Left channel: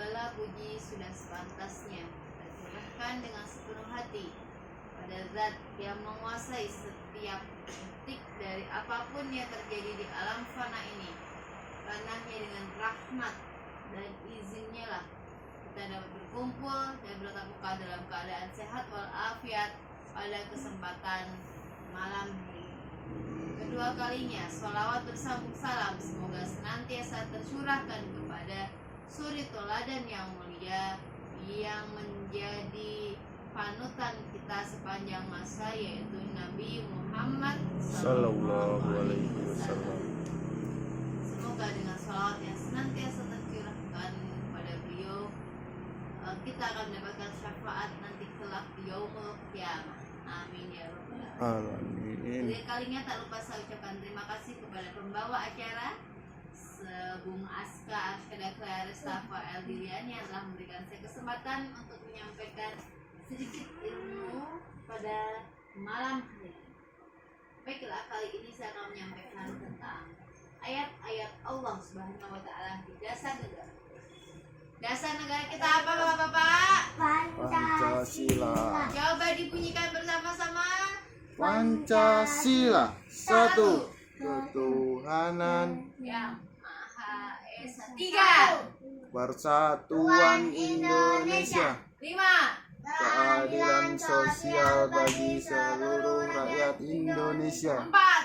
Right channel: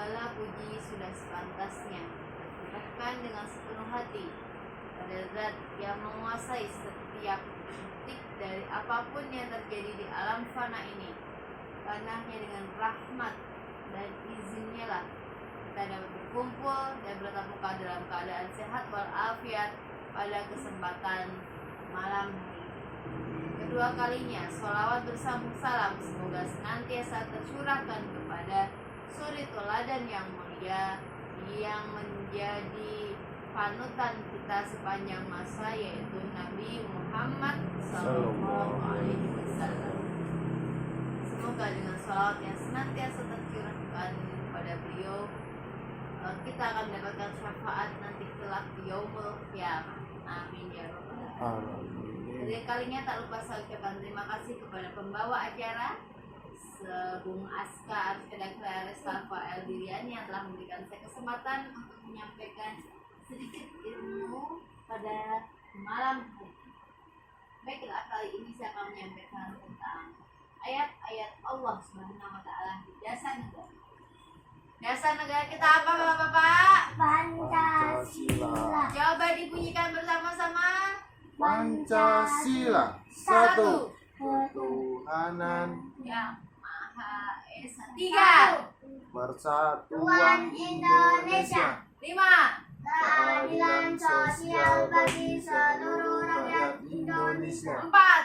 segala puji sudah sepantasnya, dan dengan sepenuh hati pada Zat yang menguasai setiap detik dari apapun yang terjadi di alam fana ini. Karena hanya dengan rahmat dan izinnya lah kita dapat berkumpul dan bertatap muka dalam keadaan sehat walafiat pada kesempatan malam hari ini. Kedua kalinya, sholawat bersambung salam semoga senantiasa tercurahkan kepada suri teladan yang mulia yang menjadi panutan kita sepanjang masa, yaitu Nabi Muhammad Sallallahu Alaihi Wasallam. Semoga dengan sholawat yang senantiasa tercurahkan kepada beliau, kita akan mendapatkan syafaat nanti kelak di yaumul qiyamah. Amin ya rabbal alamin. Jadi kalinya tak lupa saya ucapkan terima kasih kepada pembawa acara Bung Aska Arsyada Clarestafa Eldirian yang telah memberikan saya kesempatan untuk menyampaikan sedikit ilmu pada malam hari ini. Baiklah, kali ini saya akan menyampaikan tentang ayat-ayat Allah Subhanahu wa taala di dasar negara. Dasar negara kita apa Bapak-bapak? Pancasila. Coba dibunyikan bersama-sama. Pancasila. Satu. Ketuhanan Yang Maha Esa. Tiga. Persatuan Indonesia. Lima. Keadilan sosial bagi seluruh rakyat Indonesia. Empat.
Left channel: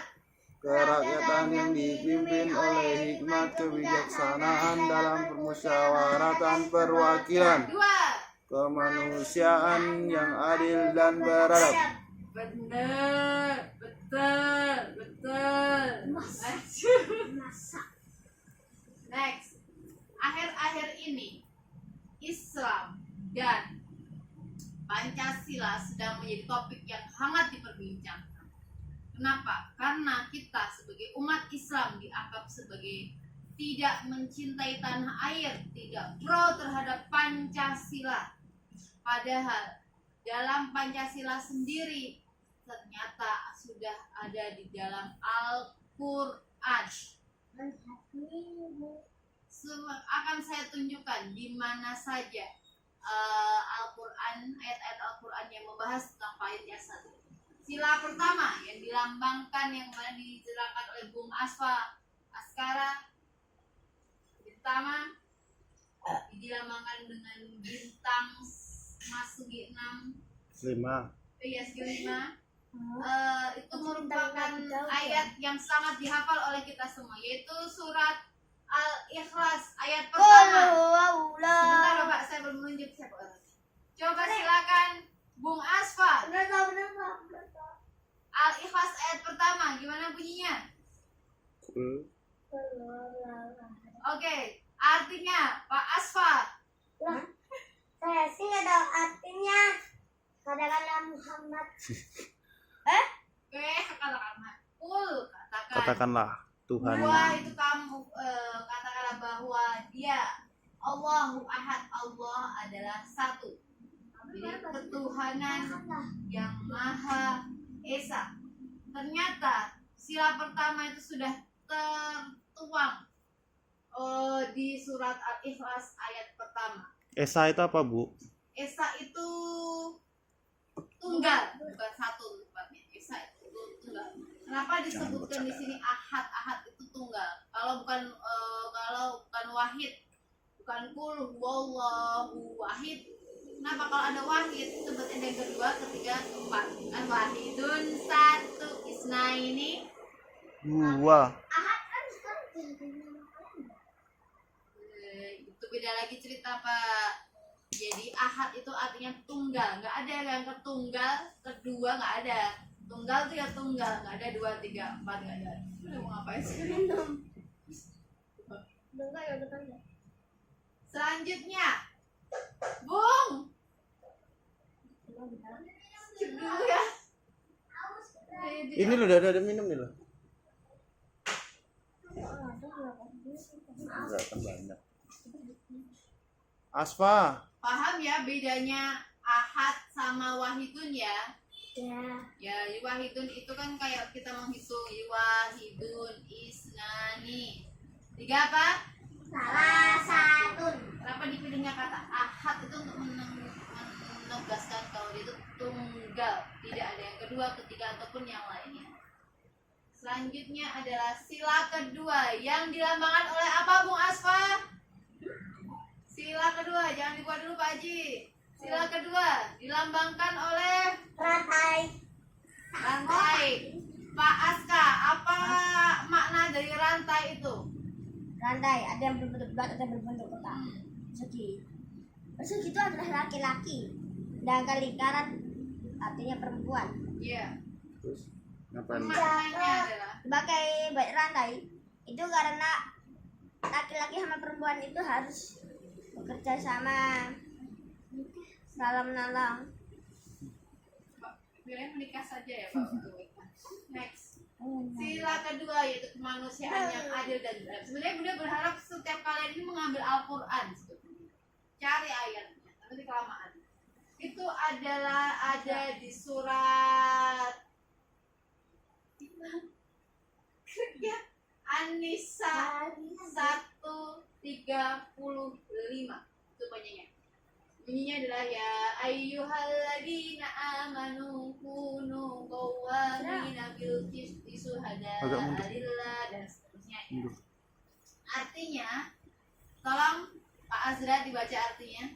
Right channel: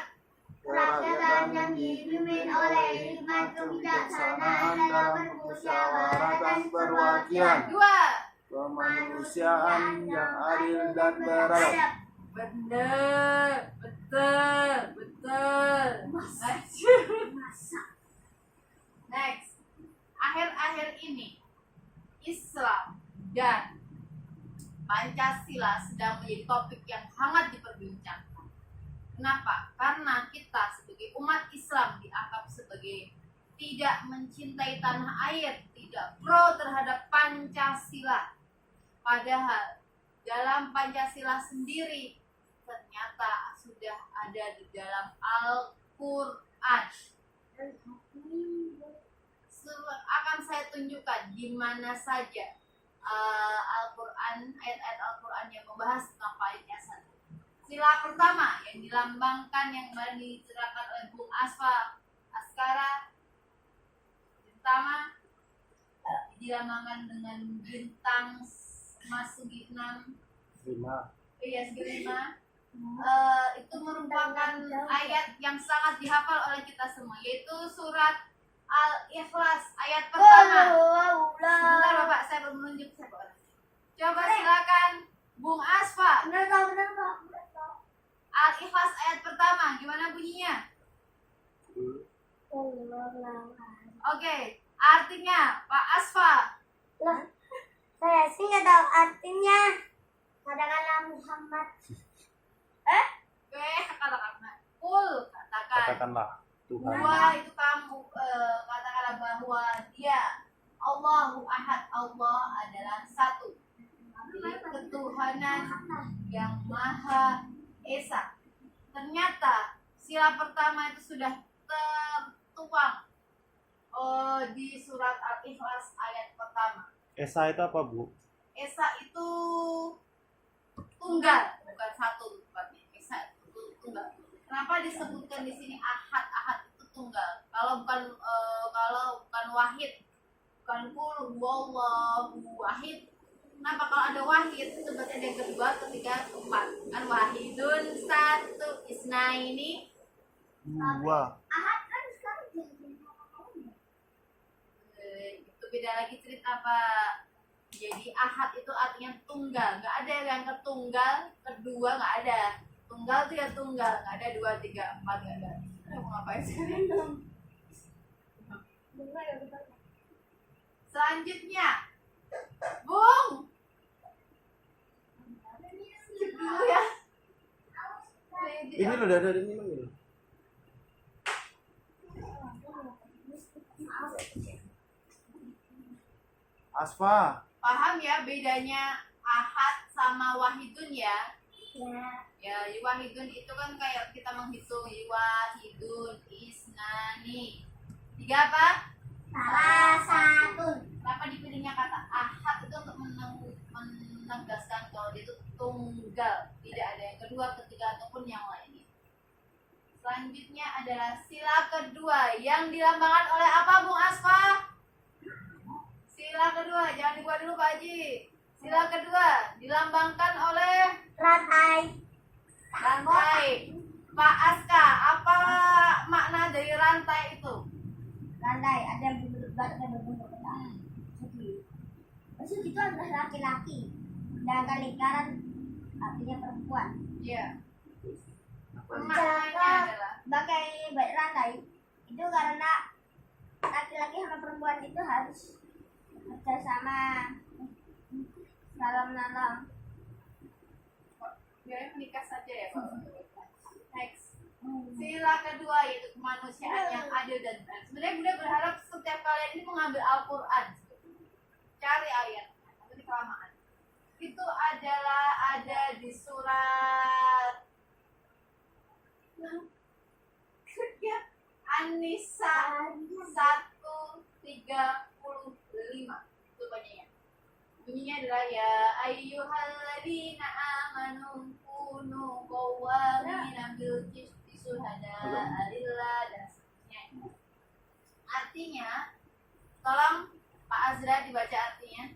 Kerakyatan yang dipimpin oleh hikmat kebijaksanaan dalam permusyawaratan perwakilan. Dua. Kemanusiaan yang adil dan beradab. Bener, betul. Next, akhir-akhir ini Islam dan Pancasila sedang menjadi topik yang hangat diperbincangkan. Kenapa? Karena kita sebagai umat Islam dianggap sebagai tidak mencintai tanah air, tidak pro terhadap Pancasila. Padahal dalam Pancasila sendiri ternyata sudah ada di dalam Al-Quran. Akan saya tunjukkan di mana saja Al-Quran, ayat-ayat Al-Quran yang membahas tentang Pancasila. Sila pertama yang dilambangkan yang kemarin diceritakan oleh Bung Askara pertama dilambangkan dengan bintang Masugi 6 5. segi 5. Itu merupakan ayat yang sangat dihafal oleh kita semua, yaitu surat Al-Ikhlas ayat pertama. Sebentar Bapak, saya belum menunjuk siapa orangnya. Coba silakan Bung Asfa. Al-Ikhlas ayat pertama, gimana bunyinya? Oke, artinya Pak Asfa. Saya sih nggak tahu artinya. Katakanlah Muhammad. Katakanlah. Katakanlah Tuhan. Dua itu kamu katakanlah bahwa dia Allahu Ahad, Allah adalah satu. Jadi ketuhanan yang Maha Esa. Ternyata sila pertama itu sudah tertuang di surat Al-Ikhlas ayat pertama. Esa itu apa, Bu? Esa itu tunggal, bukan satu tempatnya. Esa itu tunggal. Kenapa disebutkan di sini ahad? Ahad itu tunggal. Kalau bukan wahid, bukan kul huwallahu wahid. Kenapa kalau ada wahid itu berarti ada yang kedua, ketiga, keempat. Kan wahidun satu, isnaini Dua. Ahad kan sekarang jadi nama kalian. itu beda lagi cerita Pak. Jadi ahad itu artinya tunggal, nggak ada yang ketunggal, kedua nggak ada. Tunggal itu ya tunggal, nggak ada 2, 3, 4 nggak ada. Mau ngapain sekarang? Dengar ya depannya. Selanjutnya, Bung. Cek dulu ya. Ini loh, ada minum nih loh. Enggak kan banyak. Asfa. Paham ya bedanya ahad sama wahidun ya? Ya. Ya, wahidun itu kan kayak kita menghitung wahidun isnani. 3 apa? Salah satu. Kenapa dipilihnya tunggal, tidak ada yang kedua, ketiga ataupun yang lainnya. Selanjutnya adalah sila kedua yang dilambangkan oleh apa, Bung Asfa? Sila kedua, jangan dibuat dulu Pak Haji. Sila kedua dilambangkan oleh Rantai. rantai. Pak Aska, apa makna dari rantai itu? Rantai ada yang berbentuk bulat, ada yang berbentuk kotak. Persegi. Persegi itu adalah laki-laki. Sedangkan lingkaran artinya perempuan. Iya. Terus ngapain? Maknanya adalah Sebagai baik rantai itu karena laki-laki sama perempuan itu harus bekerja sama dalam menolong. biarnya menikah saja ya Pak untuk menikah. Next. Sila kedua yaitu kemanusiaan yang adil dan benar. Sebenarnya Bunda berharap setiap kalian ini mengambil Al-Quran sebetulnya. Cari ayatnya, tapi kelamaan. Itu adalah ada di surat ya, An-Nisa 135. Itu banyaknya. Bunyinya adalah ya ayyuhalladzina amanu kunu qawwamina bil qisti syuhada'a lillah dan seterusnya ya. Artinya, tolong Pak Azra dibaca artinya.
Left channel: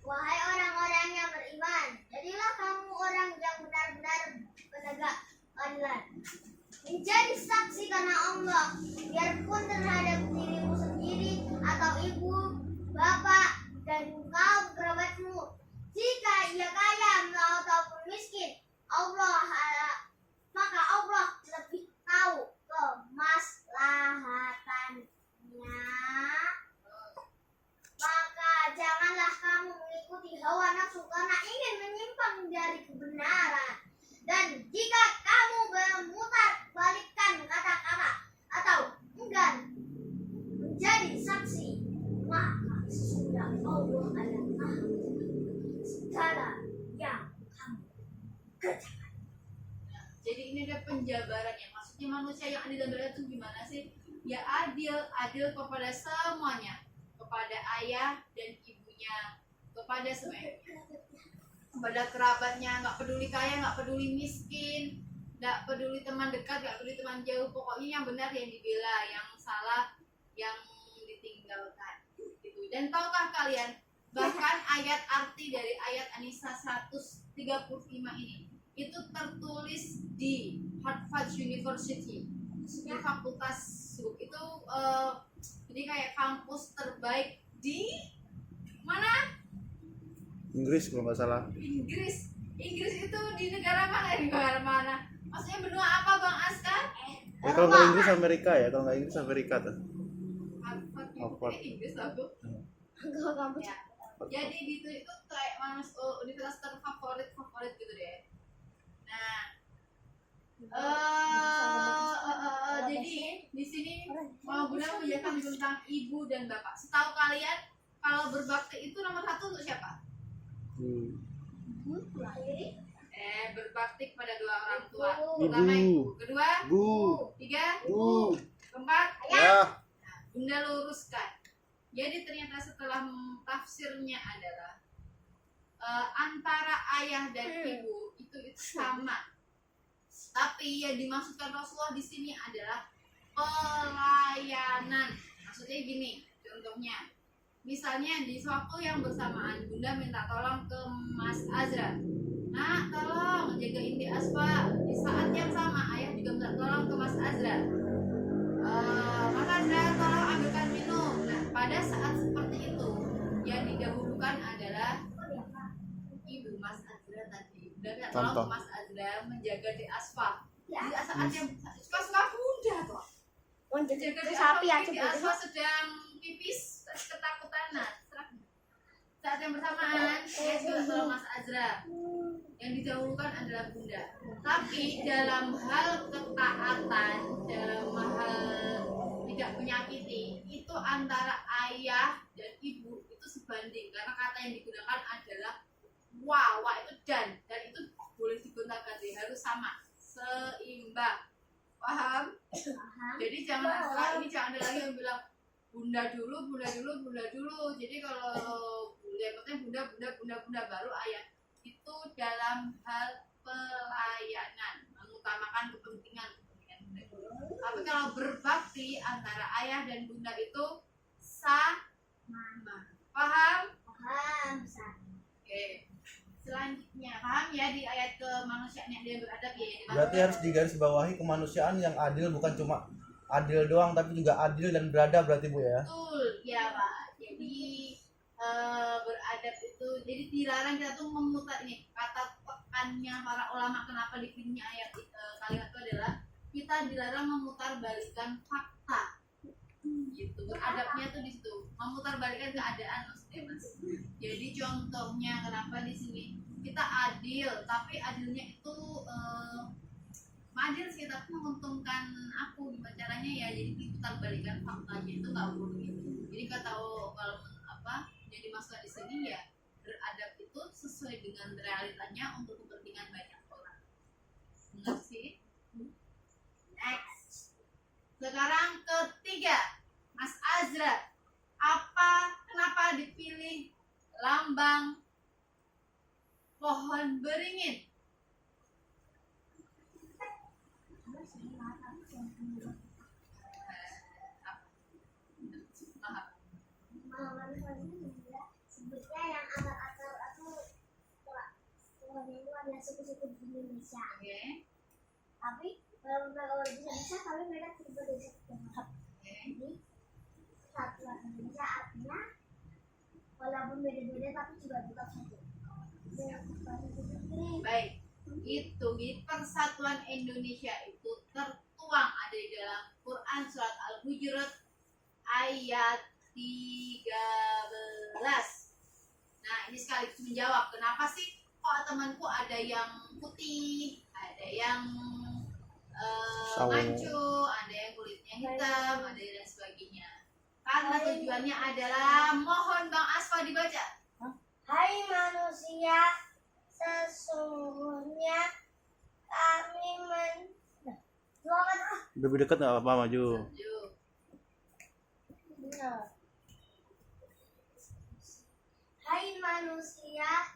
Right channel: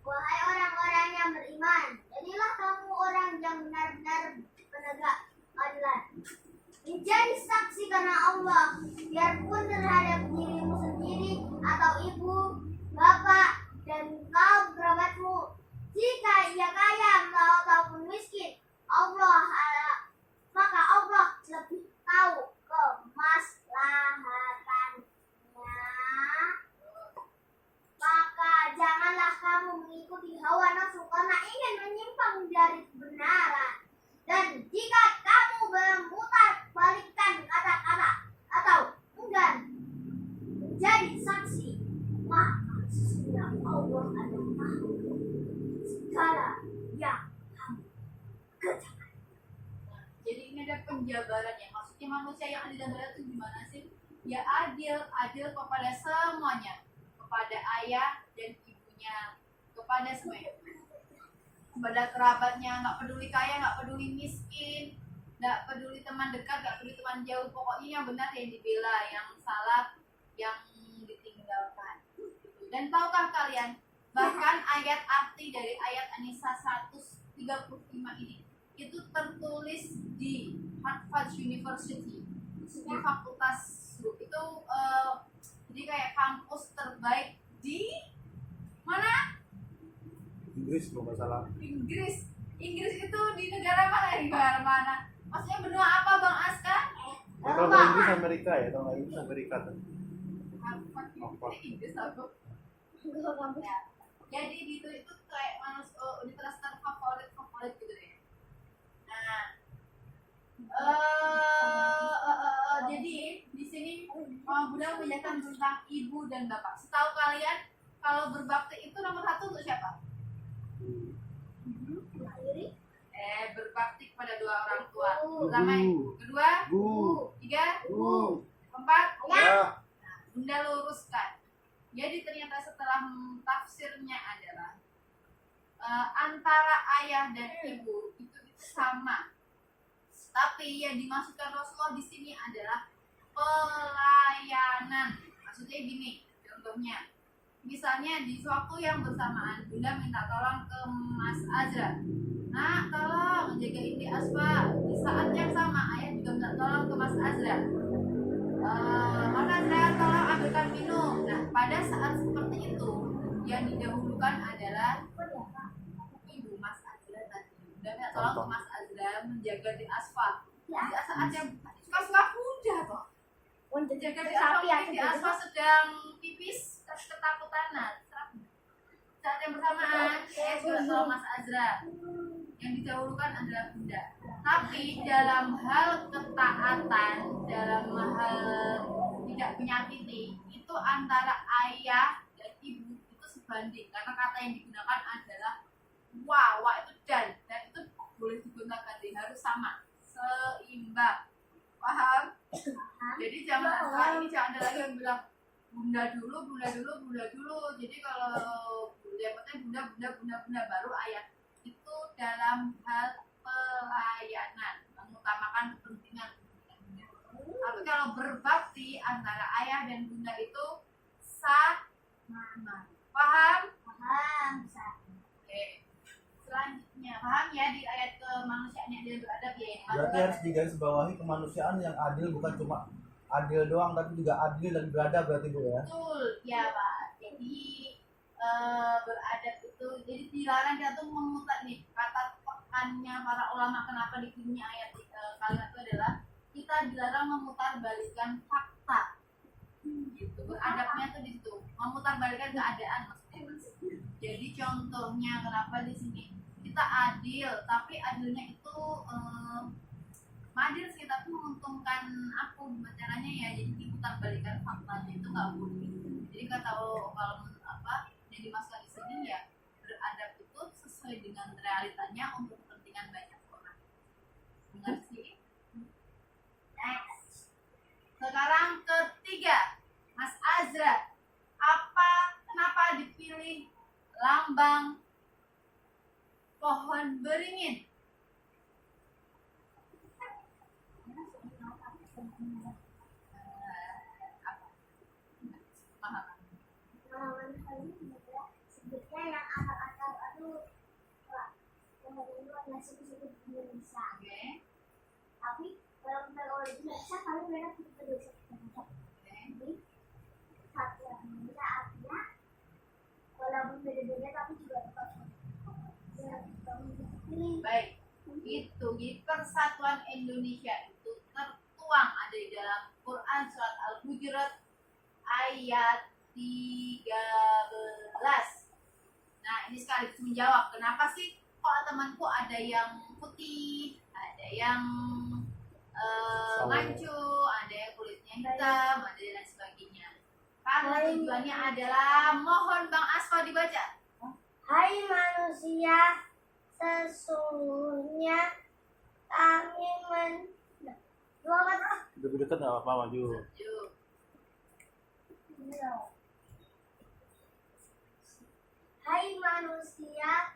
Wahai orang-orang yang beriman, jadilah kamu orang yang benar-benar penegak keadilan. Menjadi saksi karena Allah, biarpun terhadap dirimu sendiri atau ibu, bapak, dan kaum kerabatmu. Jika ia kaya ataupun miskin, maka Allah lebih tahu kemaslahatannya. Maka janganlah kamu mengikuti hawa nafsu karena ingin menyimpang dari kebenaran. Dan jika kamu memutar balikkan kata-kata atau enggan menjadi saksi, maka sesungguhnya Allah adalah tahu segala yang kamu kerjakan. Nah, jadi ini ada penjabarannya. Maksudnya manusia yang adil dan benar itu gimana sih? Ya adil kepada semuanya, kepada ayah dan ibunya, kepada semuanya, kepada kerabatnya, nggak peduli kaya, nggak peduli miskin, nggak peduli teman dekat, nggak peduli teman jauh. Pokoknya yang benar yang dibela, yang salah yang ditinggalkan. Gitu. Dan tahukah kalian bahkan ayat arti dari ayat An-Nisa 135 ini itu tertulis di Harvard University di fakultas itu jadi kayak kampus terbaik di mana? Inggris kalau nggak salah. Inggris itu di negara mana? Di mana? Maksudnya benua apa Bang Aska? Kalau nggak Inggris Amerika ya, kalau nggak Inggris Amerika tuh. Harvard Harvard. Inggris aku. Ya. Jadi itu kayak universitas terfavorit gitu deh. Nah, jadi di sini Bunda menjelaskan tentang ibu dan bapak. Setahu kalian kalau berbakti itu nomor 1 untuk siapa? Berbakti kepada dua orang tua. Pertama ibu, kedua Bu. tiga Bu. keempat Ya. Nah, Bunda luruskan. Jadi ternyata setelah tafsirnya adalah antara ayah dan ibu itu sama. Tapi yang dimaksudkan Rasulullah di sini adalah pelayanan. Maksudnya gini, contohnya. Misalnya di suatu yang bersamaan Bunda minta tolong ke Mas Azra. Nah, tolong jagain di Asfa. Di saat yang sama ayah juga minta tolong ke Mas Azra. Mas Azra tolong ambilkan minum. Nah, pada saat seperti itu yang didahulukan adalah ibu Mas Azra tadi. Bunda minta tolong ke Mas Azra menjaga di Asfa. Di saat yang suka-suka Bunda kok. Jaga di Asfa, di Asfa sedang pipis ketakutan. Nah, saat yang bersamaan saya juga tolong Mas Azra. Yang didahulukan adalah Bunda. Tapi dalam hal ketaatan, dalam hal tidak menyakiti, itu antara ayah dan ibu itu sebanding. Karena kata yang digunakan adalah wa itu dan itu boleh digunakan harus sama, seimbang. Paham? Jadi jangan ini jangan ada lagi yang bilang Bunda dulu. Jadi kalau yang penting Bunda baru ayah. itu dalam hal pelayanan, mengutamakan kepentingan bunda. Tapi kalau berbakti antara ayah dan bunda itu sama. Paham? Paham, Sa. Oke. Selanjutnya, paham ya di ayat kemanusiaan yang dia beradab ya ini. Berarti harus digarisbawahi kemanusiaan yang adil, bukan cuma adil doang tapi juga adil dan beradab berarti Bu ya. Betul, ya Pak. Jadi beradab itu, jadi dilarang kita tuh memutar ini kata tekannya para ulama kenapa dipilihnya ayat kalimat itu adalah kita dilarang memutarbalikkan fakta. Gitu. Beradabnya tuh di situ, memutarbalikkan keadaan maksudnya Mas. Jadi contohnya kenapa di sini kita adil, tapi adilnya itu adil sih tapi menguntungkan aku gimana caranya ya, jadi diputarbalikkan faktanya itu nggak boleh. Jadi kata kalau apa jadi masalah di sini ya beradab itu sesuai dengan realitanya untuk kepentingan banyak orang. Benar sih? Next. Sekarang ketiga, Mas Azra, kenapa dipilih lambang pohon beringin? Sebutnya yang akar-akar itu pohon itu adalah suku-suku di Indonesia. Oke. Tapi kalau mereka di Indonesia, tapi mereka tidak berbeda. Jadi satuan Indonesia artinya walaupun beda-beda tapi juga tetap satu. Baik, itu di Persatuan Indonesia itu tertuang ada di dalam Quran surat Al-Hujurat ayat 13. Nah, ini sekaligus menjawab kenapa sih kok temanku ada yang putih, ada yang mancu, ada yang kulitnya hitam, ada dan sebagainya. Karena tujuannya adalah, mohon Bang Asfa dibaca. Hai manusia, sesungguhnya kami Lebih dekat nggak apa maju. Yuk. Hai manusia,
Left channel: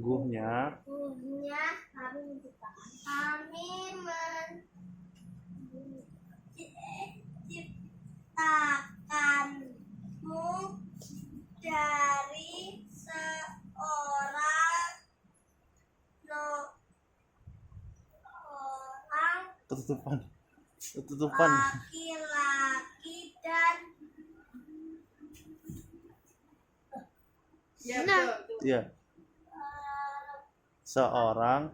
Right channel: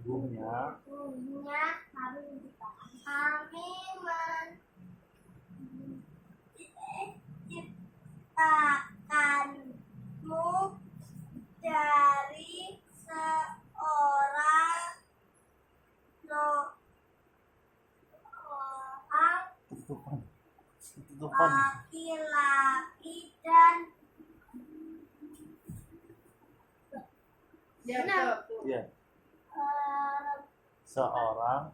Sesungguhnya kami menciptakanmu dari seorang Ketutupan. laki-laki dan Ya, betul. Iya. Seorang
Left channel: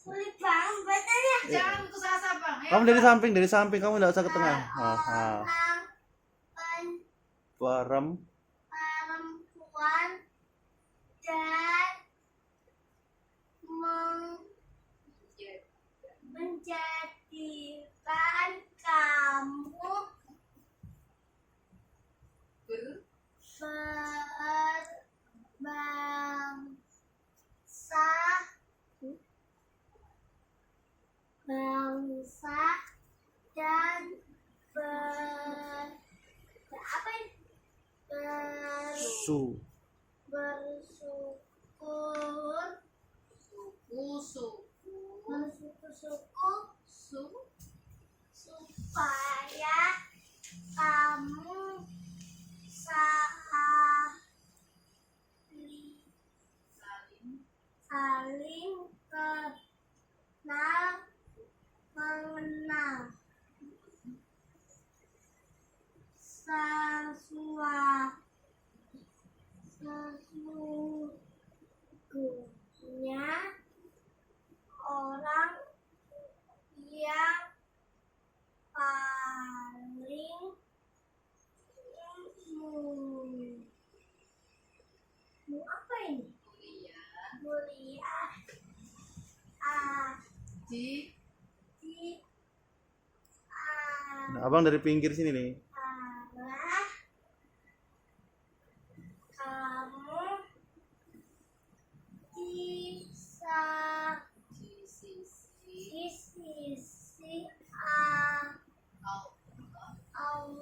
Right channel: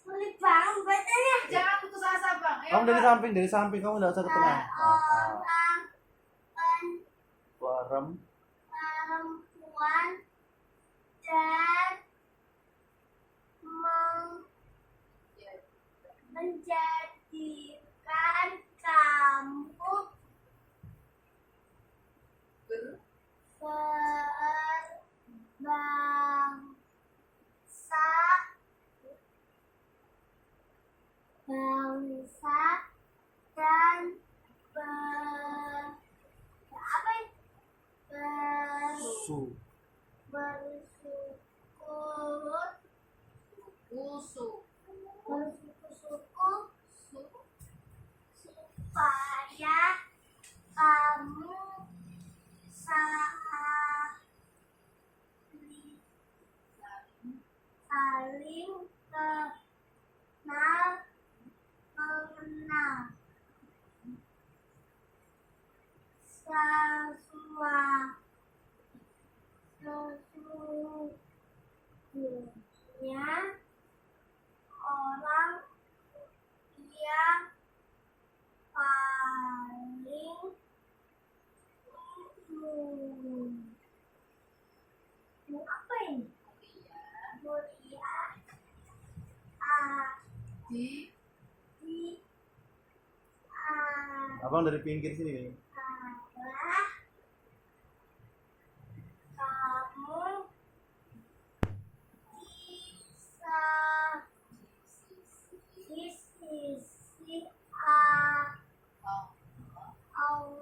sulit banget bacanya. Jangan putus asa, Bang. Ayo, Kamu Bang. dari samping kamu nggak usah ke tengah. Seorang perempuan dan menjadikan kamu bangsa dan bersuku supaya kamu saling mengenal sesungguhnya orang yang paling apa ini? Mulia Abang dari pinggir sini nih. adalah kamu di sisi Allah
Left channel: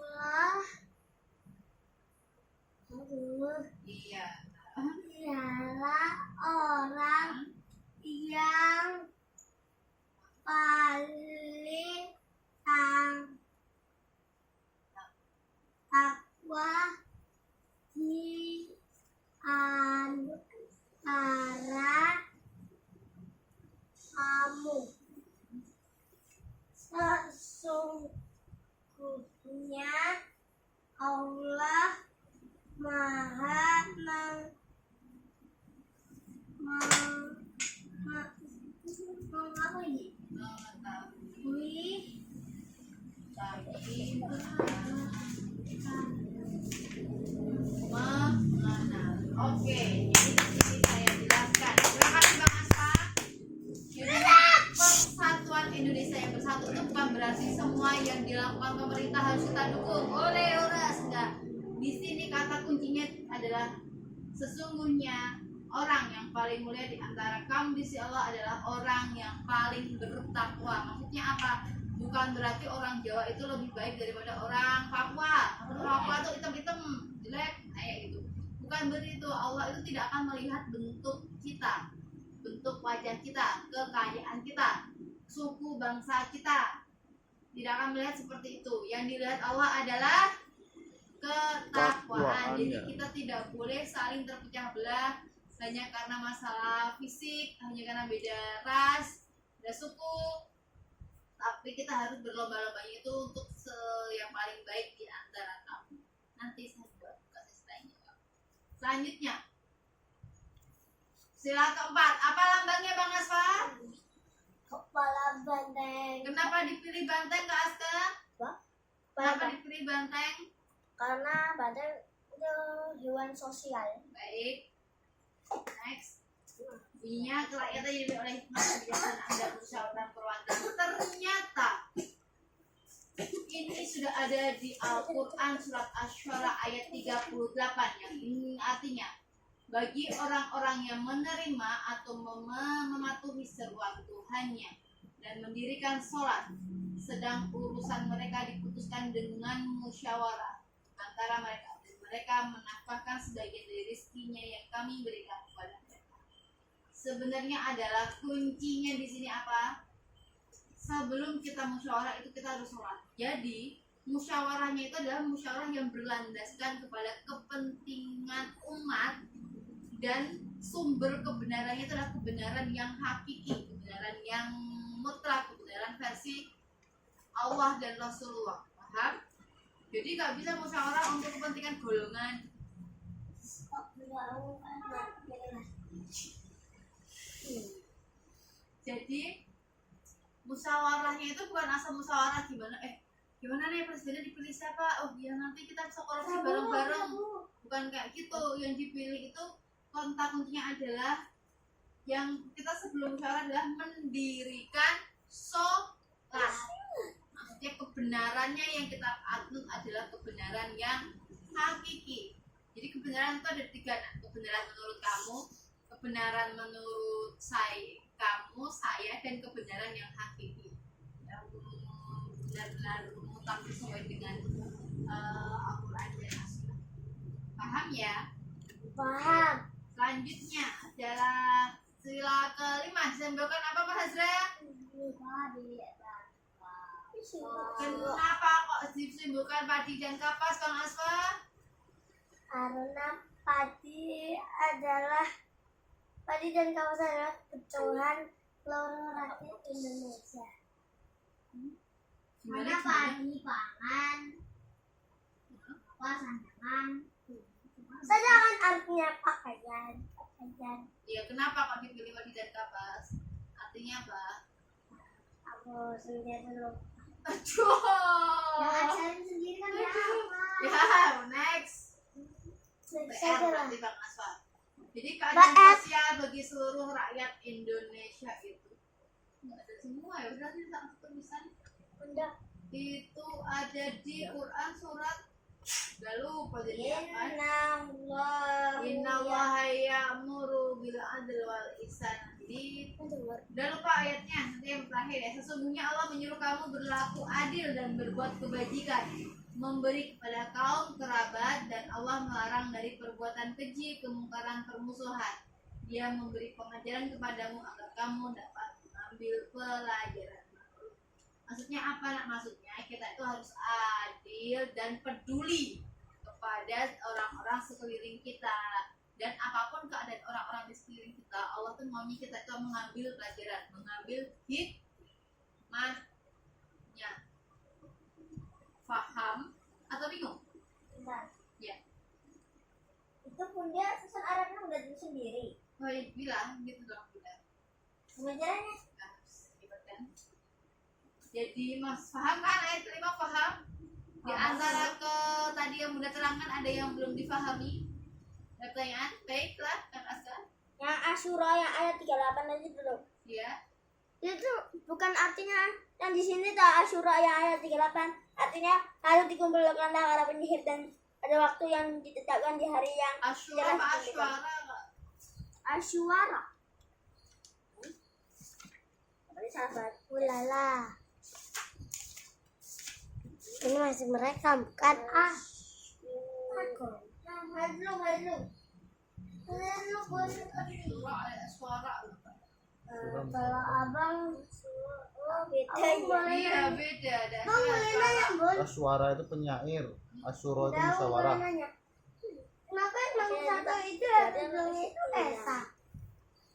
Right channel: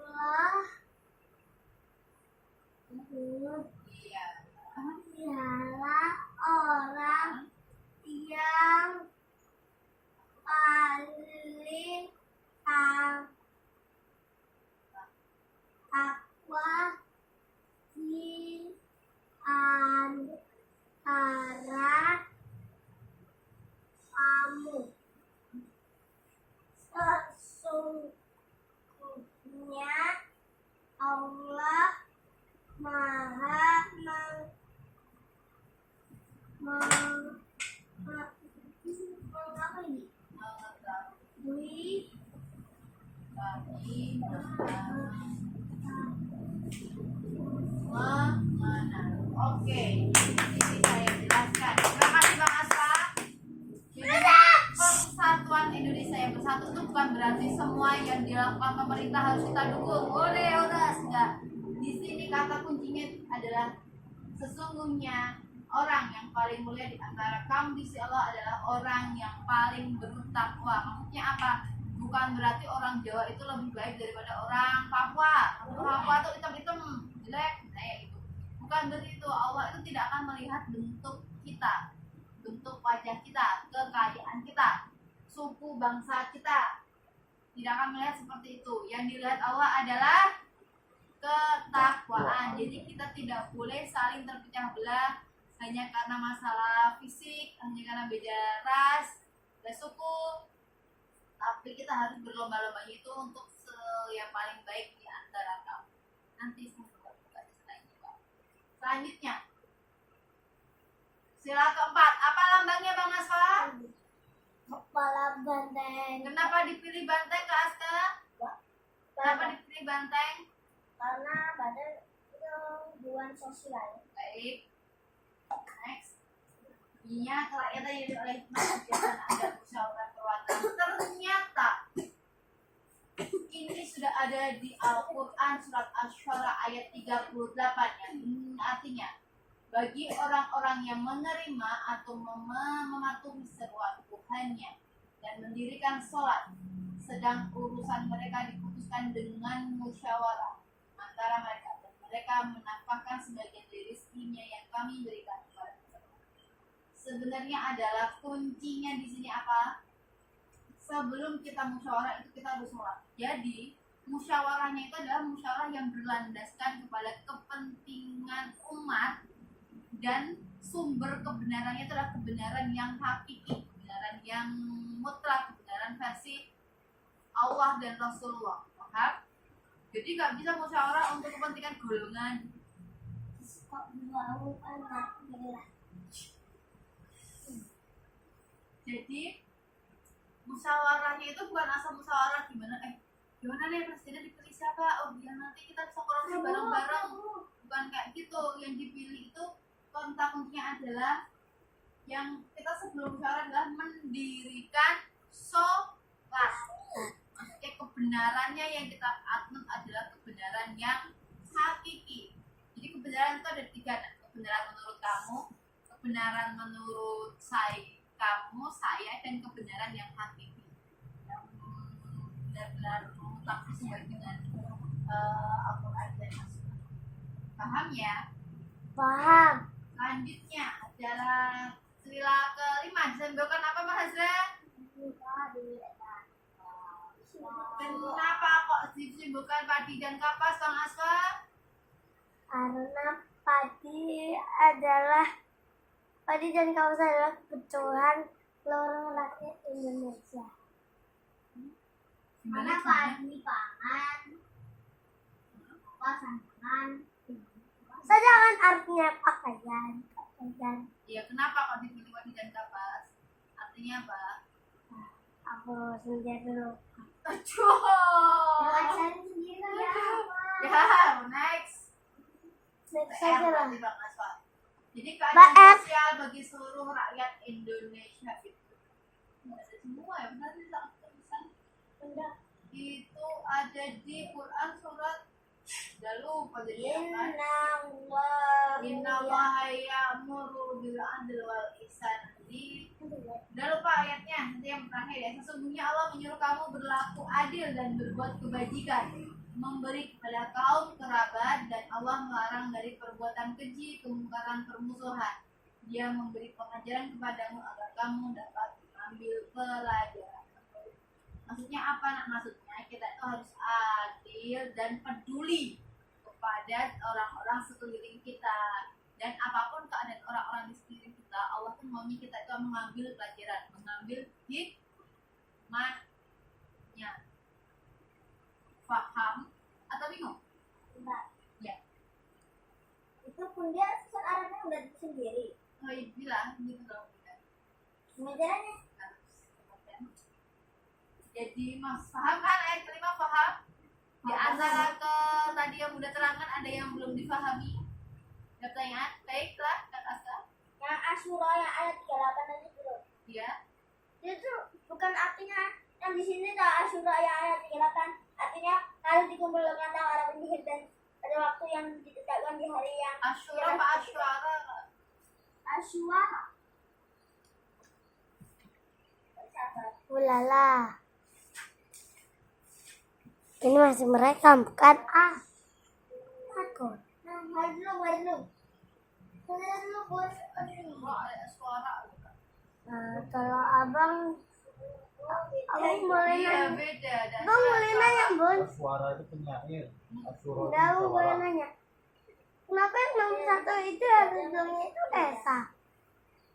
mengenal. Oke, jadi di sini saya jelaskan. Terima kasih Bang Aspa. Jadi persatuan Indonesia yang bersatu itu bukan berarti semua yang dilakukan pemerintah harus kita dukung. Oleh enggak. Di sini kata kuncinya adalah sesungguhnya orang yang paling mulia di antara kamu di sisi Allah adalah orang yang paling bertakwa. Maksudnya apa? Bukan berarti orang Jawa itu lebih baik daripada orang Papua. Orang Papua itu hitam-hitam, jelek, kayak gitu. Bukan berarti itu. Allah itu tidak akan melihat bentuk kita, bentuk wajah kita, kekayaan kita, suku bangsa kita. Tidak akan melihat seperti itu. Yang dilihat Allah adalah ketakwaan. Jadi kita tidak boleh saling terpecah belah hanya karena masalah fisik, hanya karena beda ras, beda suku. Tapi kita harus berlomba-lomba itu untuk yang paling baik di antara kamu. Nanti saya buat kasih selainnya, Pak. Selanjutnya, sila keempat. Apa lambangnya Bang Asfa? Kepala banteng. Kenapa dipilih banteng Kak Aska? Kenapa dipilih banteng? Karena banteng itu hewan sosial. Baik. Next. Bunyinya kerakyatan yang diberi oleh hikmah kebijaksanaan Anda musyawarah perwakilan. Ternyata ini sudah ada di Al-Quran surat Asy-Syura ayat 38 yang ini artinya bagi orang-orang yang menerima atau mematuhi seruan Tuhannya dan mendirikan sholat sedang urusan mereka diputuskan dengan musyawarah antara mereka dan mereka menafkahkan sebagian dari rezekinya yang kami berikan kepada mereka. Sebenarnya adalah kuncinya di sini apa? Sebelum kita musyawarah itu kita harus sholat. Jadi musyawarahnya itu adalah musyawarah yang berlandaskan kepada kepentingan umat dan sumber kebenarannya itu adalah kebenaran yang hakiki, kebenaran yang mutlak, kebenaran versi Allah dan Rasulullah. Paham? Jadi nggak bisa musyawarah untuk kepentingan golongan. Kok bau kan jelas. Jadi musyawarahnya itu bukan asal musyawarah gimana nih presiden dipilih siapa? Oh ya nanti kita bisa korupsi bareng-bareng. Bukan kayak gitu. Yang dipilih itu kontak kuncinya adalah yang kita sebelum musyawarah adalah mendirikan sholat. Maksudnya kebenarannya yang kita anut adalah kebenaran yang hakiki. Jadi kebenaran itu ada tiga, kebenaran menurut kamu, kebenaran menurut saya, dan kebenaran yang hakiki, yang benar-benar mutlak sesuai dengan Al-Quran dan As-Sunnah. Paham ya? Paham. Selanjutnya adalah sila kelima disimbolkan apa Mas Hazra? Kenapa kok disimbolkan padi dan kapas Bang Asfa? Karena padi dan kapas adalah kebutuhan seluruh rakyat Indonesia. Gimana padi pangan, kapas sanjangan. Sanjangan artinya pakaian. Iya, kenapa kok dipilih padi dan kapas? Artinya apa? Aku sendiri dulu. Aduh. Asalin sendiri kan ya. Ya, next. Next PR aja lah. berarti Bang Asfa. Jadi keadilan PR. sosial bagi seluruh rakyat Indonesia itu nggak ada semua ya, berarti tak tulisan Benda. itu ada di Quran surat udah lupa jadi apa? Innallaha ya'muru bil adli wal ihsan. Jadi udah lupa ayatnya, nanti yang terakhir ya. Sesungguhnya Allah menyuruh kamu berlaku adil dan berbuat kebajikan, memberi kepada kaum kerabat, dan Allah melarang dari perbuatan keji, kemungkaran, permusuhan. Dia memberi pengajaran kepadamu agar kamu dapat mengambil pelajaran. Maksudnya apa nak? Maksudnya kita itu harus adil dan peduli kepada orang-orang sekeliling kita, dan apapun keadaan orang-orang di sekeliling kita, Allah tuh maunya kita itu mengambil pelajaran, mengambil hikmahnya. Faham atau bingung? Bentar. Ya. Itu pun dia susah Arabnya udah sendiri. Oh iya, bilang gitu dong, bilang. Pengajarannya Harus ribet kan? Jadi mas paham kan ayat kelima? Paham? Di antara tadi yang Bunda terangkan ada yang belum difahami? Ada pertanyaan? Baiklah, Kak Askar. Yang Asyura yang ayat 38 aja dulu. Ya. Itu bukan artinya yang di sini tuh Asyura yang ayat 38. Artinya harus dikumpulkan para penyihir dan pada waktu yang ditetapkan di hari yang Asyura apa Asyara? Asyura. Sabar. Ulala. Ini masih merekam kan? Aku. Hadlung. Suara. Kalau abang Iya, beda. Ada Bang boleh nanya, Bun? Suara itu penyair, Asyura itu Tahu musyawarah. boleh nanya. Kenapa yang nomor satu itu artinya itu Esa?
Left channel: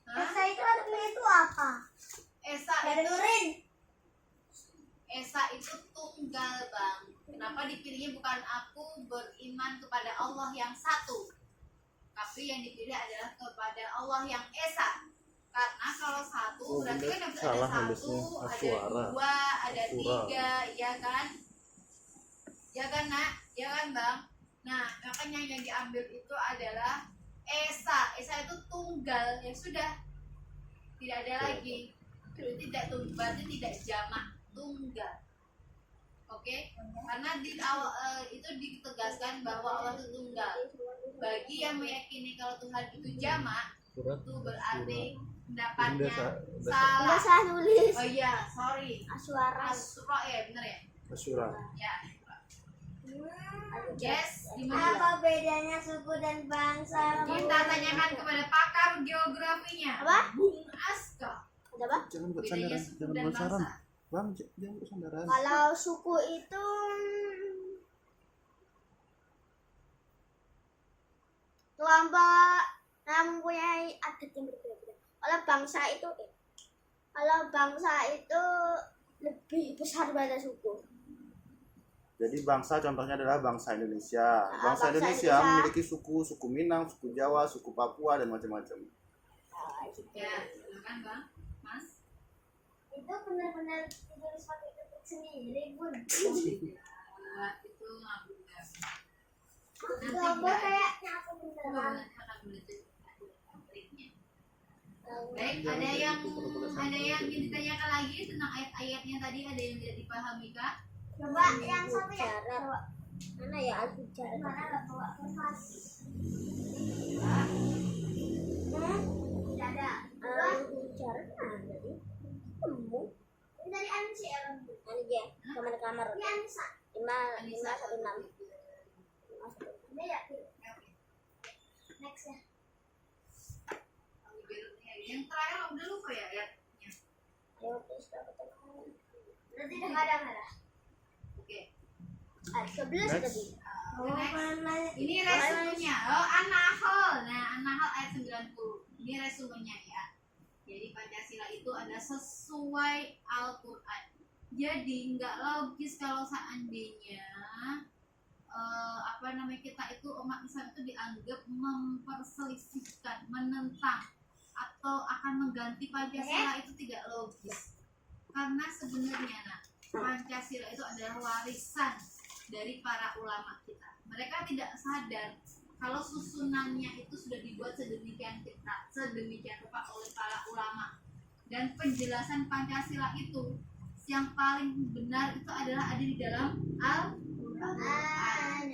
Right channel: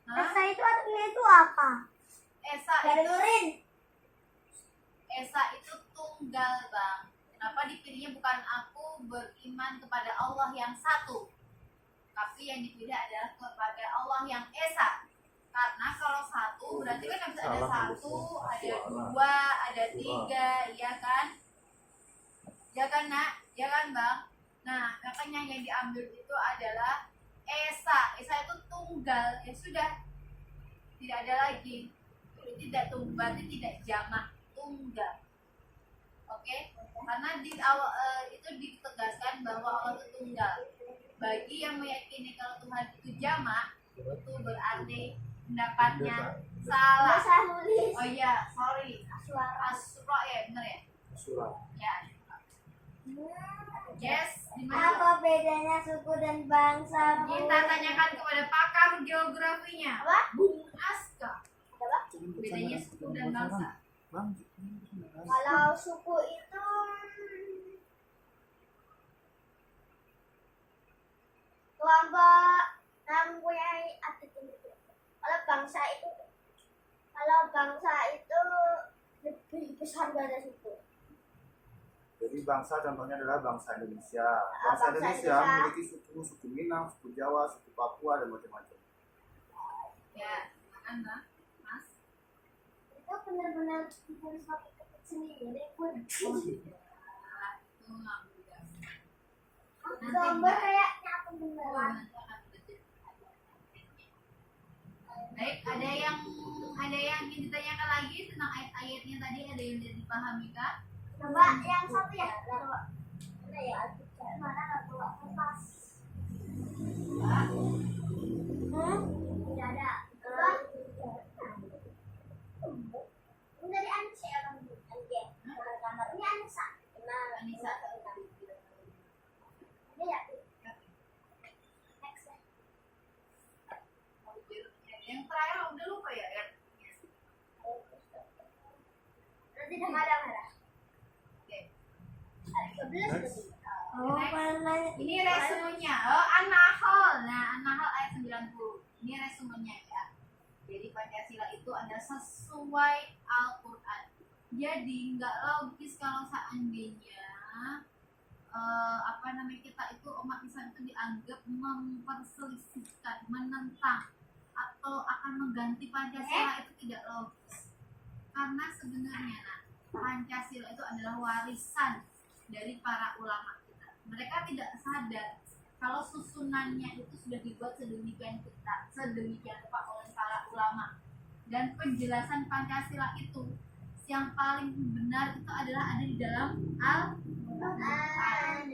Hah? Esa itu artinya itu apa? Esa itu tunggal, Bang. Kenapa dipilihnya bukan aku beriman kepada Allah yang satu, tapi yang dipilih adalah kepada Allah yang Esa. Karena kalau satu berarti kan ada salah satu, nulisnya. ada Asyara. dua, ada Asyura. tiga, ya kan? Ya kan, Nak? Ya kan, Bang? Nah, makanya yang diambil itu adalah Esa. Esa itu tunggal, ya sudah. Tidak ada lagi. Tidak tunggal, berarti tidak jamak, tunggal. Oke? Karena di awal itu ditegaskan bahwa Allah itu tunggal. Bagi yang meyakini kalau Tuhan itu jamak, itu berarti pendapatnya salah. Salah nulis. Oh iya, sorry. Asyura. Asra ya, benar ya? Asyura. Ya. Yes, di mana? Apa bedanya suku dan bangsa? Kita tanyakan kepada pakar geografinya. Apa? Bung Aska. Apa? Jangan buat Bedanya sandaran, suku jangan dan buat bangsa. saran. Bang, jangan buat sandaran. Kalau suku itu kelompok yang mempunyai adat yang berbeda. Kalau bangsa itu lebih besar pada suku. Jadi bangsa contohnya adalah bangsa Indonesia. Bangsa bangsa Indonesia Indonesia. memiliki suku Minang, suku Jawa, suku Papua dan macam-macam. Ya, silakan Bang. Mas. Itu benar-benar ditulis pakai ketik sendiri, Bun. Oh, tidak. Itu ngambil dari. Gambar kayaknya aku beneran. Nanti akan belajar ada triknya. Baik, ada yang ingin ditanyakan lagi tentang ayat-ayatnya tadi, ada yang tidak dipahami Kak? Coba yang satu ya. Coba. Mana ya Al-Bicara? Mana nggak bawa kertas? Tidak ada. Al-Bicara mana? Ini dari Anissa ya kan? Anissa. Kamar-kamar. Ini Anissa. Anissa 516. Ini ya. Next ya. Yang terakhir udah lupa ya ayatnya. Ayo terus dapat tahu. Berarti udah nggak ada. Oke. 11 tadi. Next. Ini resumenya. Oh, An-Nahl. Nah, An-Nahl ayat 90. Ini resumenya ya. Jadi Pancasila itu ada sesuai Al-Qur'an. Jadi nggak logis kalau seandainya kita itu umat Islam itu dianggap memperselisihkan, menentang atau akan mengganti Pancasila itu tidak logis. Karena sebenarnya Pancasila itu adalah warisan dari para ulama kita. Mereka tidak sadar kalau susunannya itu sudah dibuat sedemikian rupa oleh para ulama. Dan penjelasan Pancasila itu yang paling benar itu adalah ada di dalam Al-Quran.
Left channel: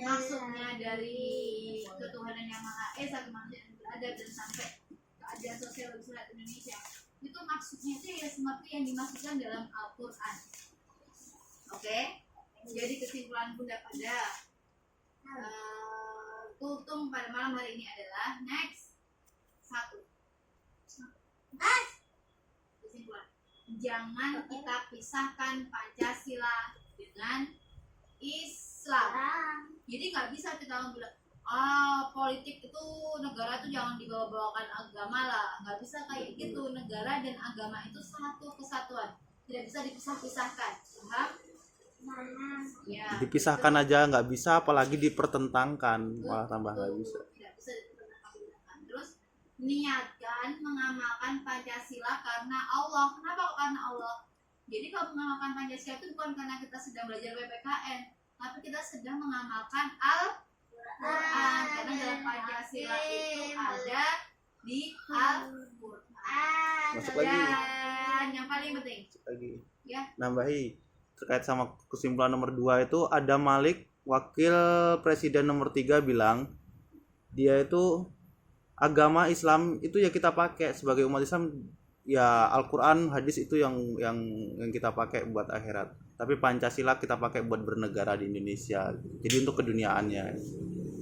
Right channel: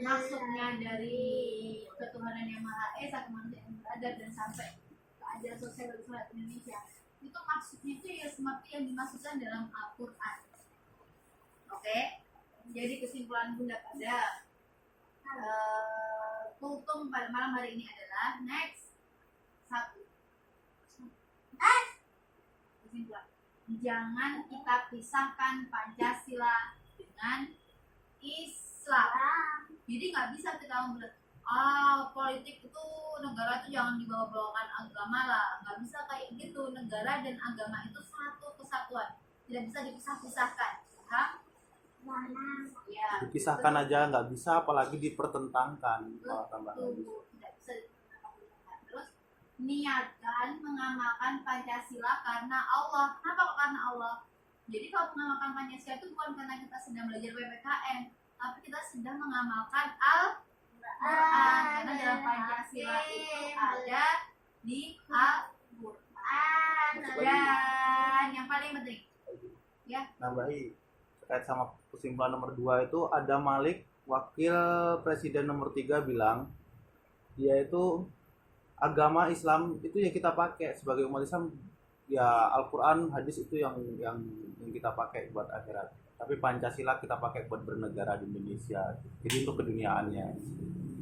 Maksudnya dari ketuhanan yang Maha Esa, kemanusiaan yang beradab, dan sampai keadilan sosial bagi rakyat Indonesia. Itu maksudnya itu ya seperti yang dimaksudkan dalam Al-Quran. Oke? Jadi kesimpulan Bunda pada kultum pada malam hari ini adalah next 1. Kesimpulan, jangan kita pisahkan Pancasila dengan Islam. Jadi nggak bisa kita bilang politik itu negara itu jangan dibawa-bawakan agama lah. Nggak bisa kayak gitu. Negara dan agama itu satu kesatuan, tidak bisa dipisah-pisahkan. Paham? Ya, Dipisahkan aja nggak bisa, apalagi dipertentangkan. Wah, tambah nggak bisa. Tidak bisa dipertentangkan. Terus niatkan mengamalkan Pancasila karena Allah. Kenapa kok karena Allah? Jadi kalau mengamalkan Pancasila itu bukan karena kita sedang belajar PPKN, tapi kita sedang mengamalkan Al-Quran, karena dalam Pancasila itu ada di Al-Quran. Masuk lagi. Dan yang paling penting Lagi ya, nambahi terkait sama kesimpulan nomor 2 itu, ada Malik, wakil presiden nomor 3 bilang dia itu agama Islam itu ya kita pakai sebagai umat Islam, ya Al-Quran, hadis itu yang kita pakai buat akhirat, tapi Pancasila kita pakai buat bernegara di Indonesia, jadi untuk keduniaannya.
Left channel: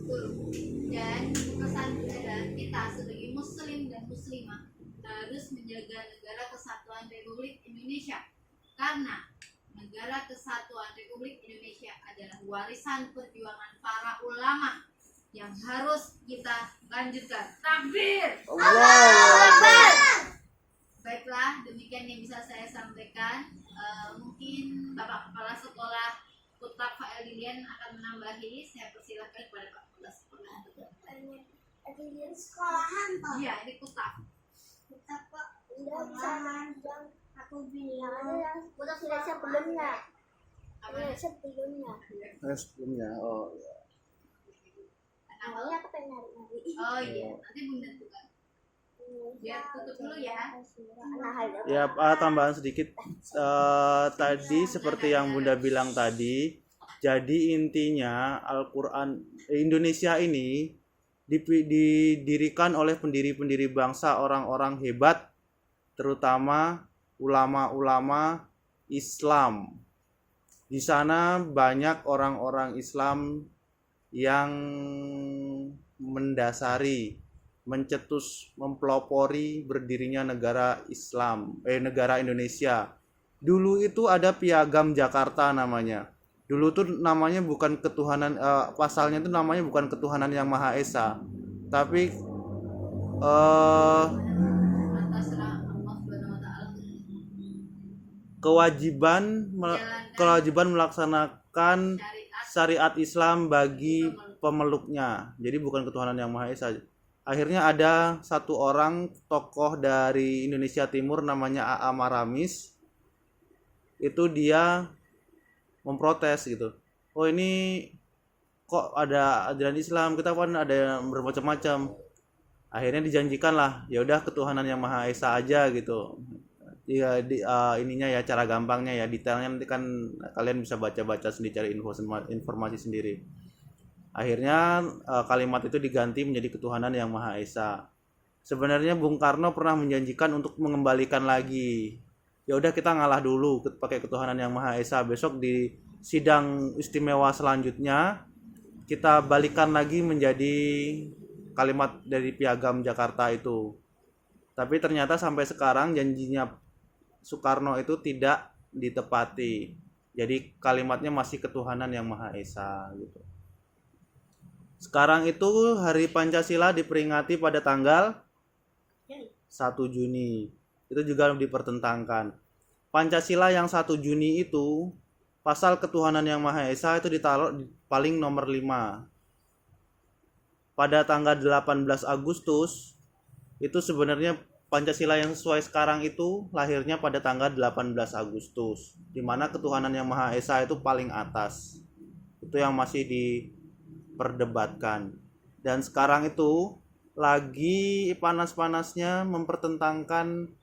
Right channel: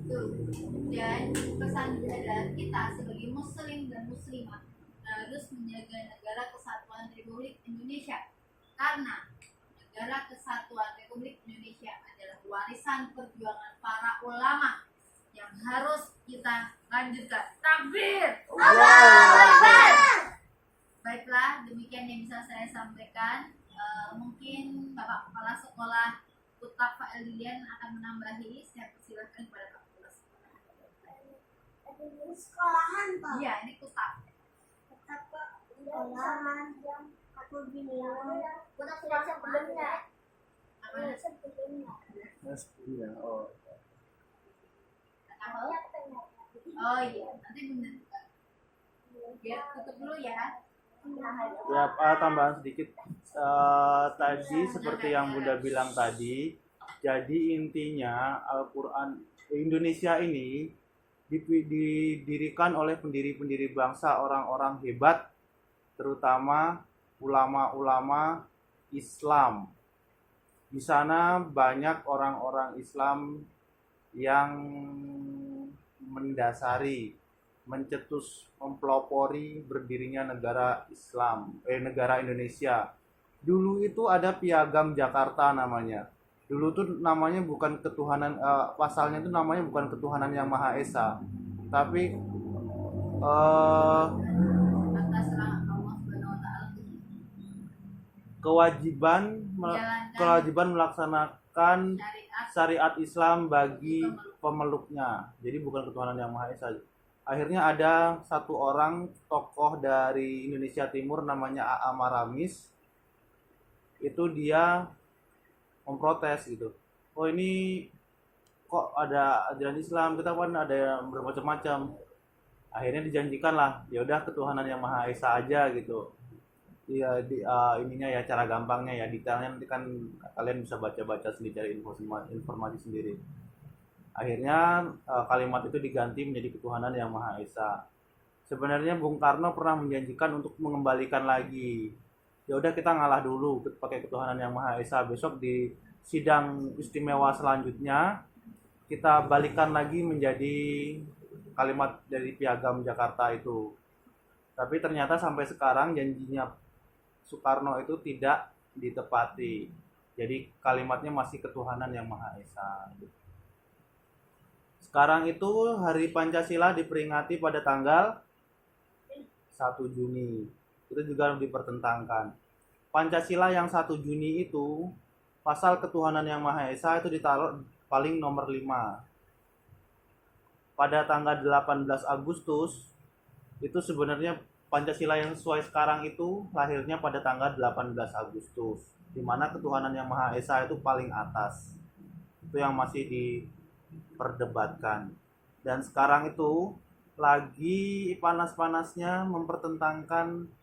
betul. Dan pesan adalah kita sebagai muslim dan muslimah harus menjaga negara kesatuan Republik Indonesia, karena negara kesatuan Republik Indonesia adalah warisan perjuangan para ulama yang harus kita lanjutkan. Takbir! Baiklah, demikian yang bisa saya sampaikan. Mungkin Bapak Kepala Sekolah Kutab Fael Dilian akan menambahi. Saya persilahkan kepada Pak Kepala Sekolah. Sekolahan Pak. Iya, ini Kutab. Tetap Pak. Sekolahan yang aku bilang. Kita sudah sebelumnya. Apa? Sebelumnya. Sebelumnya, oh ya. Halo? Aku pengen nyari. Oh iya, nanti Bunda buka. Biar tutup dulu ya. Ya, tambahan sedikit. Tadi seperti yang Bunda bilang tadi, jadi intinya Al-Quran Indonesia ini didirikan oleh pendiri-pendiri bangsa, orang-orang hebat, terutama ulama-ulama Islam. Di sana banyak orang-orang Islam yang mendasari, mencetus, mempelopori berdirinya negara Islam, negara Indonesia. Dulu itu ada Piagam Jakarta namanya. Dulu tuh namanya bukan ketuhanan, pasalnya itu namanya bukan ketuhanan yang Maha Esa, tapi Ataslah Allah Subhanahu wa taala kewajiban melaksanakan syariat syariat Islam bagi pemeluknya. Jadi bukan ketuhanan yang Maha Esa. Akhirnya ada satu orang tokoh dari Indonesia Timur namanya A.A. Maramis. Itu dia memprotes gitu. Oh, ini kok ada ajaran Islam, kita kan ada yang bermacam-macam. Akhirnya dijanjikan lah, ya udah ketuhanan yang Maha Esa aja gitu. Ya ininya ya, cara gampangnya ya, detailnya nanti kan kalian bisa baca-baca sendiri, cari informasi sendiri. Akhirnya kalimat itu diganti menjadi ketuhanan yang Maha Esa. Sebenarnya Bung Karno pernah menjanjikan untuk mengembalikan lagi. Ya udah kita ngalah dulu pakai ketuhanan yang Maha Esa, besok di sidang istimewa selanjutnya kita balikan lagi menjadi kalimat dari Piagam Jakarta itu. Tapi ternyata sampai sekarang janjinya Soekarno itu tidak ditepati. Jadi kalimatnya masih ketuhanan yang Maha Esa gitu. Sekarang itu Hari Pancasila diperingati pada tanggal 1 Juni. Itu juga dipertentangkan. Pancasila yang 1 Juni itu pasal ketuhanan yang Maha Esa itu ditaruh paling nomor 5. Pada tanggal 18 Agustus itu sebenarnya Pancasila yang sesuai sekarang itu lahirnya pada tanggal 18 Agustus, di mana ketuhanan yang Maha Esa itu paling atas. Itu yang masih diperdebatkan. Dan sekarang itu lagi panas-panasnya mempertentangkan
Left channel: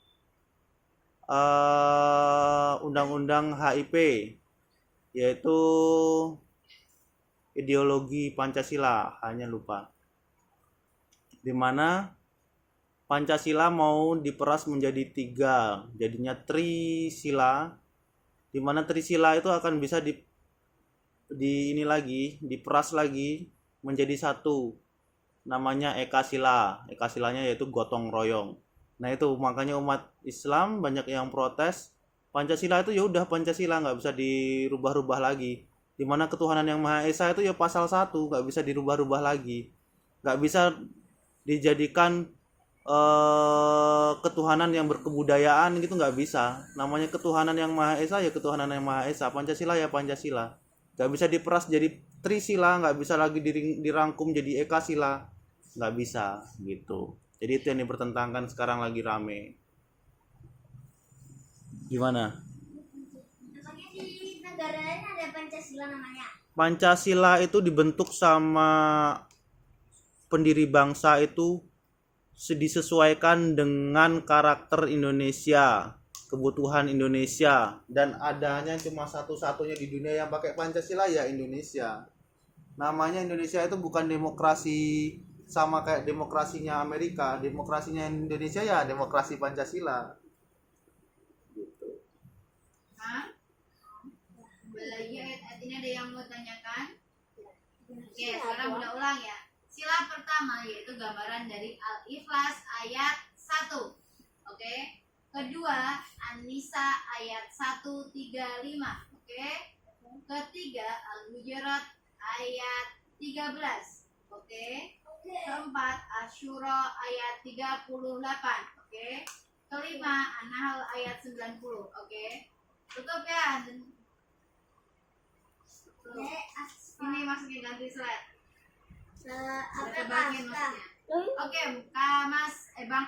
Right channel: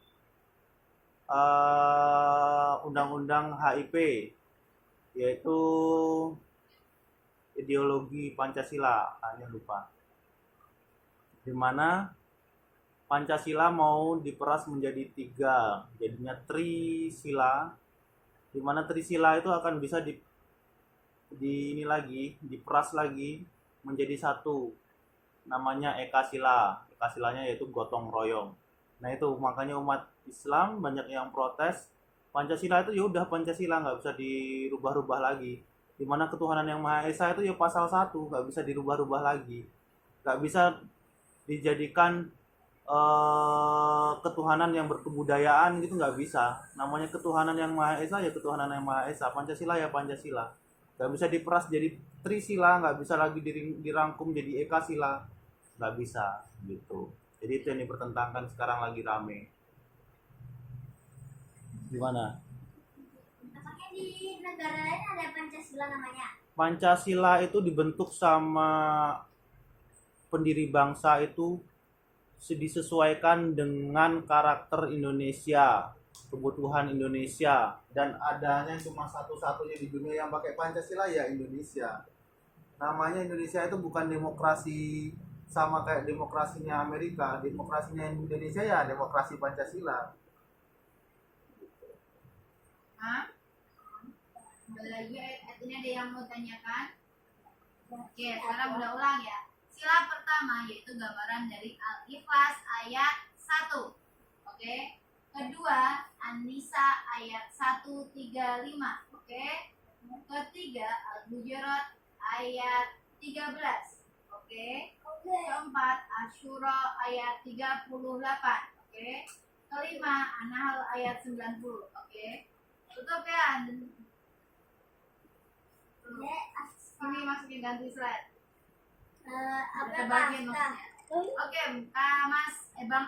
undang-undang HIP, yaitu ideologi Pancasila, hanya lupa. Di mana Pancasila mau diperas menjadi 3, jadinya Trisila, di mana Trisila itu akan bisa diperas lagi menjadi 1, namanya Ekasila. Ekasilanya yaitu gotong royong. Nah itu makanya umat Islam banyak yang protes. Pancasila itu ya udah Pancasila, nggak bisa dirubah-rubah lagi. Di mana ketuhanan yang Maha Esa itu ya pasal 1, nggak bisa dirubah-rubah lagi, nggak bisa dijadikan ketuhanan yang berkebudayaan gitu, nggak bisa. Namanya ketuhanan yang Maha Esa ya ketuhanan yang Maha Esa, Pancasila ya Pancasila, nggak bisa diperas jadi Trisila, nggak bisa lagi dirangkum jadi Ekasila, nggak bisa gitu. Jadi itu yang dipertentangkan sekarang lagi rame. Gimana? Makanya di negara lain ada Pancasila namanya. Pancasila itu dibentuk sama pendiri bangsa itu disesuaikan dengan karakter Indonesia, kebutuhan Indonesia, dan adanya cuma satu-satunya di dunia yang pakai Pancasila ya Indonesia. Namanya Indonesia itu bukan demokrasi sama kayak demokrasinya Amerika, demokrasinya Indonesia ya demokrasi Pancasila. Hah? Kembali lagi ayat ini ada yang mau tanyakan? Oke, sekarang udah ulang ya. Sila pertama yaitu gambaran dari Al-Ikhlas ayat 1. Oke. Kedua, An-Nisa ayat 135. Oke. Ketiga, Al-Hujurat ayat 13. Oke. Keempat, Asyura ayat 38. Oke. Kelima, An-Nahl ayat 90. Oke. Tutup ya. Ini masukin ganti slide. Apa Kita bagiin maksudnya. Oke, Mas Bang